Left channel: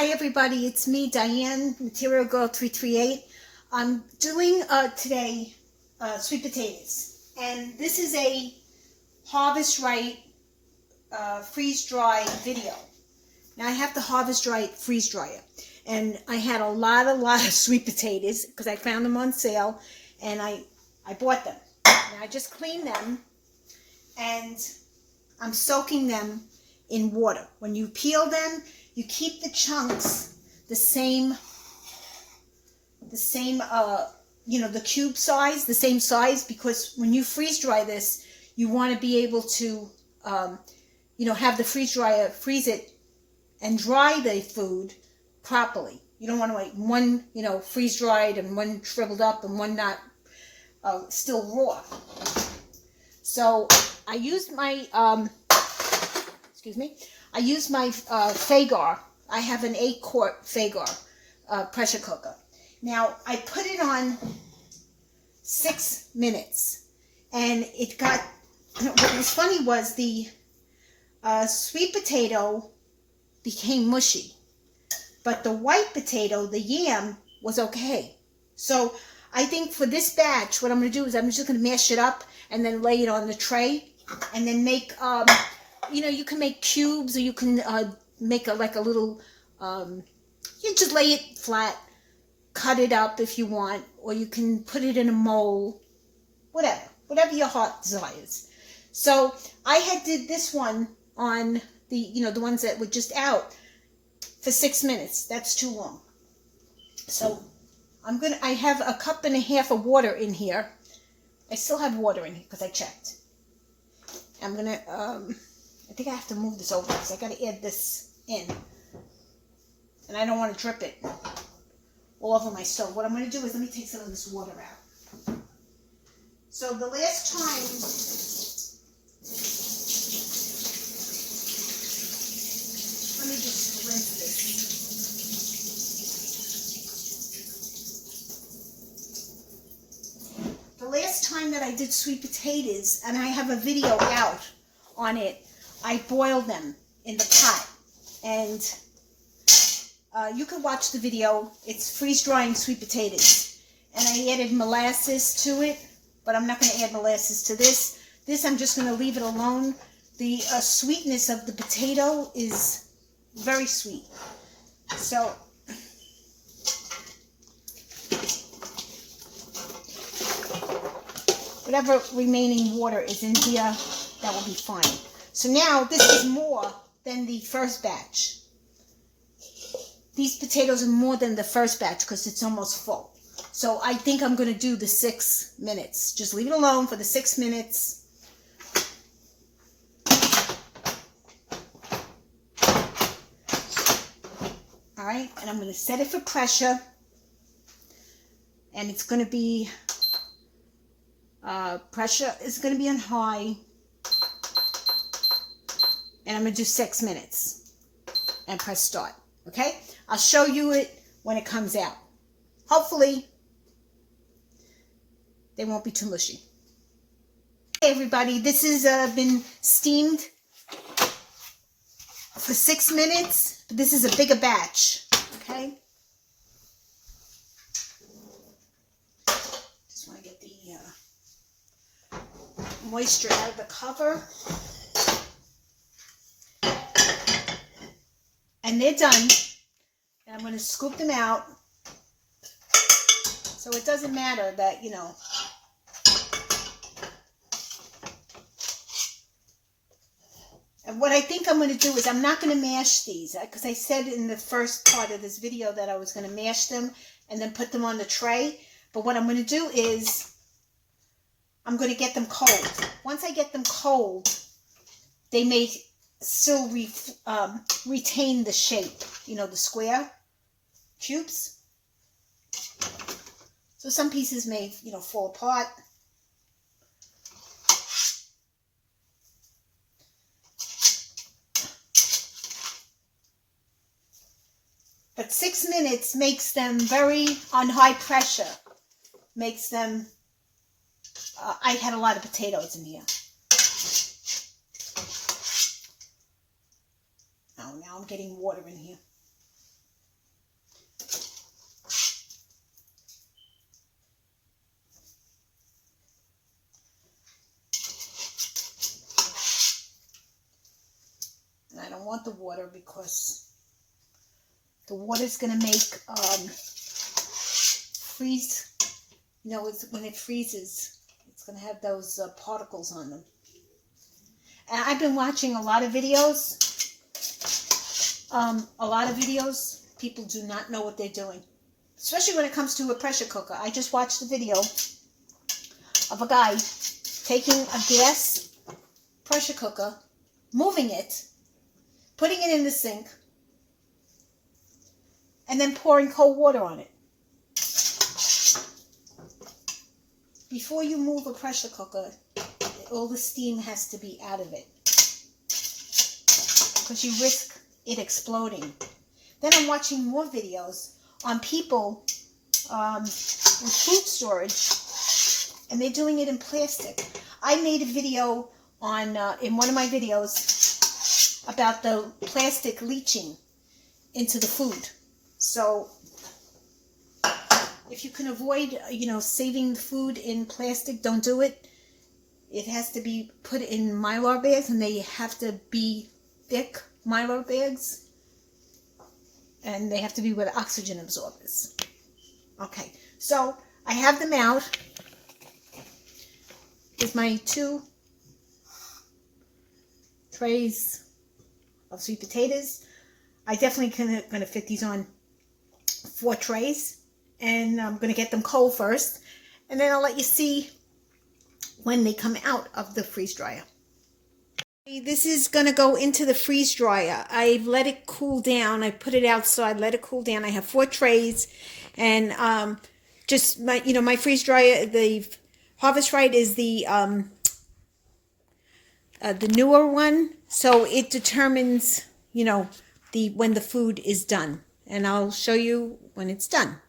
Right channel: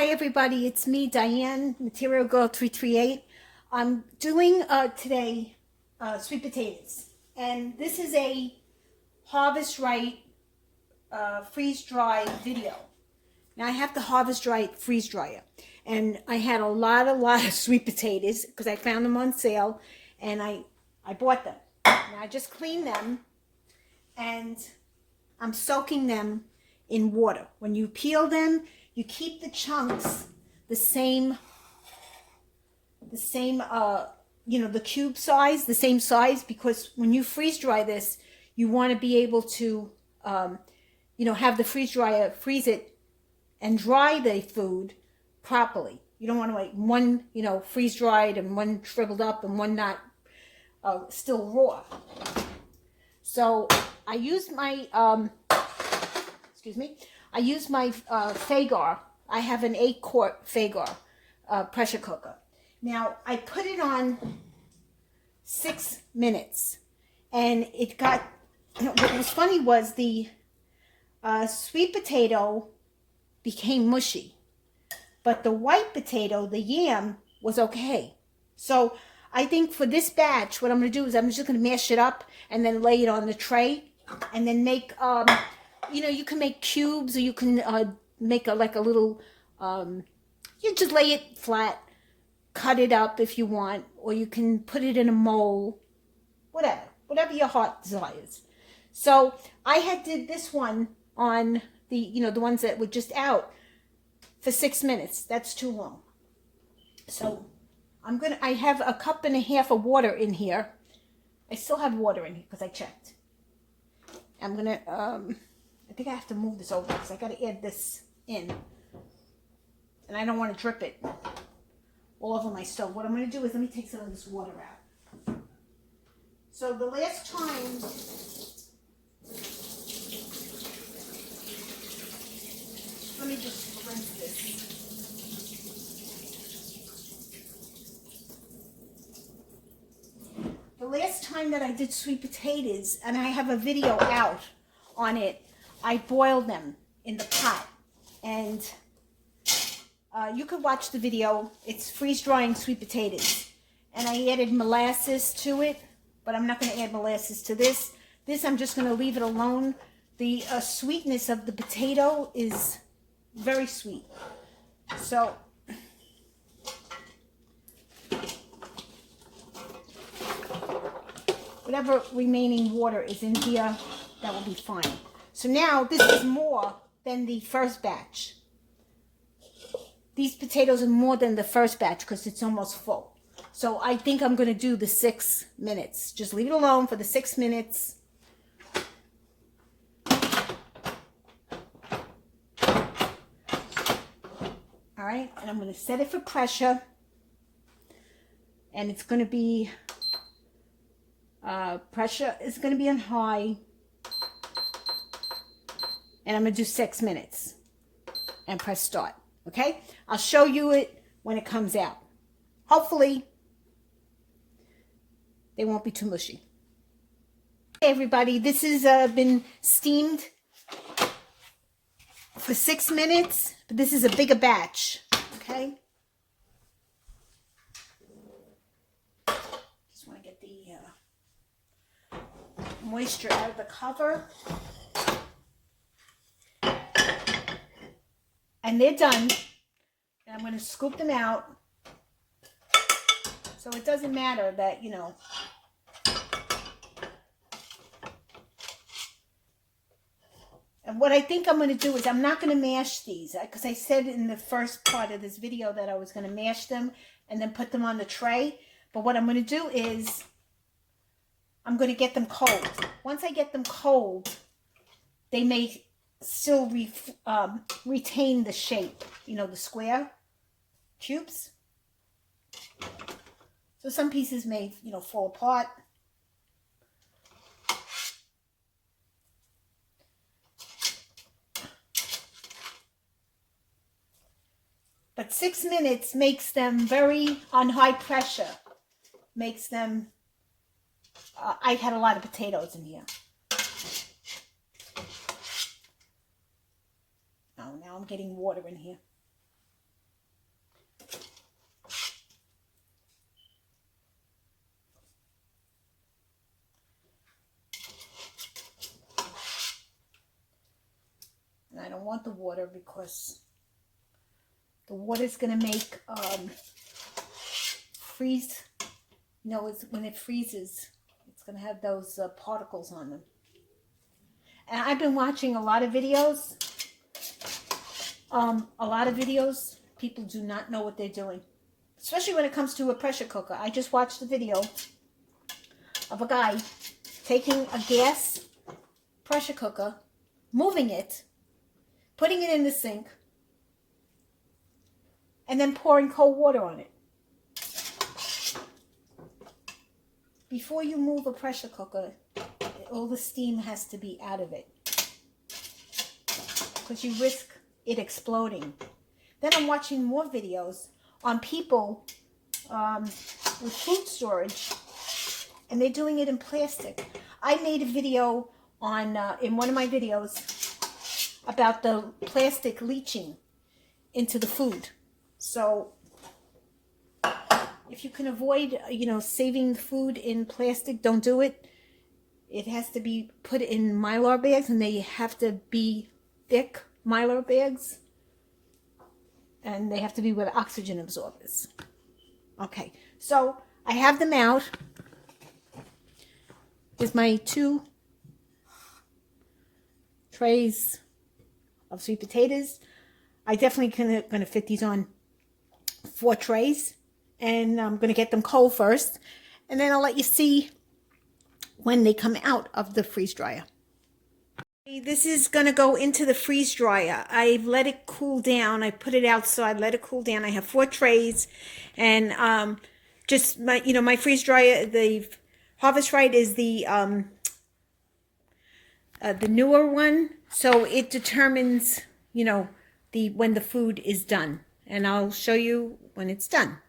Hi everybody, it's me, Diane, Material Girl 338. I'm doing today sweet potatoes, and this is a Harvest Right freeze-dry video. Now I have the Harvest Right freeze dryer, and I had a lot of sweet potatoes because I found them on sale, and I bought them. Now I just cleaned them, and I'm soaking them in water. When you peel them, you keep the chunks the same, the cube size, the same size, because when you freeze dry this, you want to be able to, have the freeze dryer freeze it and dry the food properly. You don't want to like one, freeze dried and one shriveled up and one not still raw. So I used my, I use my Fagar. I have an 8-quart Fagar pressure cooker. Now, I put it on 6 minutes, and it got, what was funny was the sweet potato became mushy, but the white potato, the yam, was okay. So I think for this batch, what I'm going to do is I'm just going to mash it up and then lay it on the tray, and then make, you can make cubes, or you can make a little, you just lay it flat, cut it up if you want, or you can put it in a mold, whatever your heart desires. So I did this one on the ones that were just out for 6 minutes. That's too long. So I have a cup and a half of water in here. I still have water in here because I checked. I'm gonna, I think I have to move this over because I got to add this in. And I don't want to drip it all over my stove. What I'm going to do is let me take some of this water out. So the last time, let me just rinse this. The last time that I did sweet potatoes, and I have a video out on it, I boiled them in the pot, and you can watch the video. It's freeze-drying sweet potatoes, and I added molasses to it, but I'm not going to add molasses to this. This I'm just going to leave it alone. The sweetness of the potato is very sweet. So whatever remaining water is in here, that will be fine. So now this is more than the first batch. These potatoes are more than the first batch because it's almost full. So I think I'm going to do the 6 minutes. Just leave it alone for the 6 minutes. All right, and I'm going to set it for pressure. And it's going to be, pressure is going to be on high. And I'm going to do 6 minutes and press start. Okay? I'll show you it when it comes out. Hopefully, they won't be too mushy. Hey everybody, this has been steamed for 6 minutes, but this is a bigger batch. Okay? Just want to get the moisture out of the cover. And they're done. And I'm going to scoop them out. So it doesn't matter that, And what I think I'm going to do is I'm not going to mash these. Because I said in the first part of this video that I was going to mash them and then put them on the tray. But what I'm going to do is I'm going to get them cold. Once I get them cold, they may still retain the shape, the square cubes. So some pieces may, fall apart. But 6 minutes makes them very on high pressure. Makes them, I had a lot of potatoes in here. Oh, now I'm getting water in here. water because the water's going to make freeze. You know, when it freezes, it's going to have those particles on them. And I've been watching a lot of videos. People do not know what they're doing, especially when it comes to a pressure cooker. I just watched a video of a guy taking a gas pressure cooker, moving it, putting it in the sink, and then pouring cold water on it. Before you move a pressure cooker, all the steam has to be out of it because you risk it exploding. Then I'm watching more videos on people with food storage, and they're doing it in plastic. I made a video on in one of my videos about the plastic leaching into the food. So if you can avoid, saving food in plastic, don't do it. It has to be put in Mylar bags, and they have to be thick Mylar bags. And they have to be with oxygen absorbers. Okay, so I have them out with my 2 trays of sweet potatoes. I definitely going to fit these on 4 trays. And I'm going to get them cold first. And then I'll let you see when they come out of the freeze dryer. This is going to go into the freeze dryer. I've let it cool down. I put it outside, let it cool down. I have 4 trays, and just my freeze dryer. The Harvest Right is the newer one, so it determines when the food is done, and I'll show you when it's done.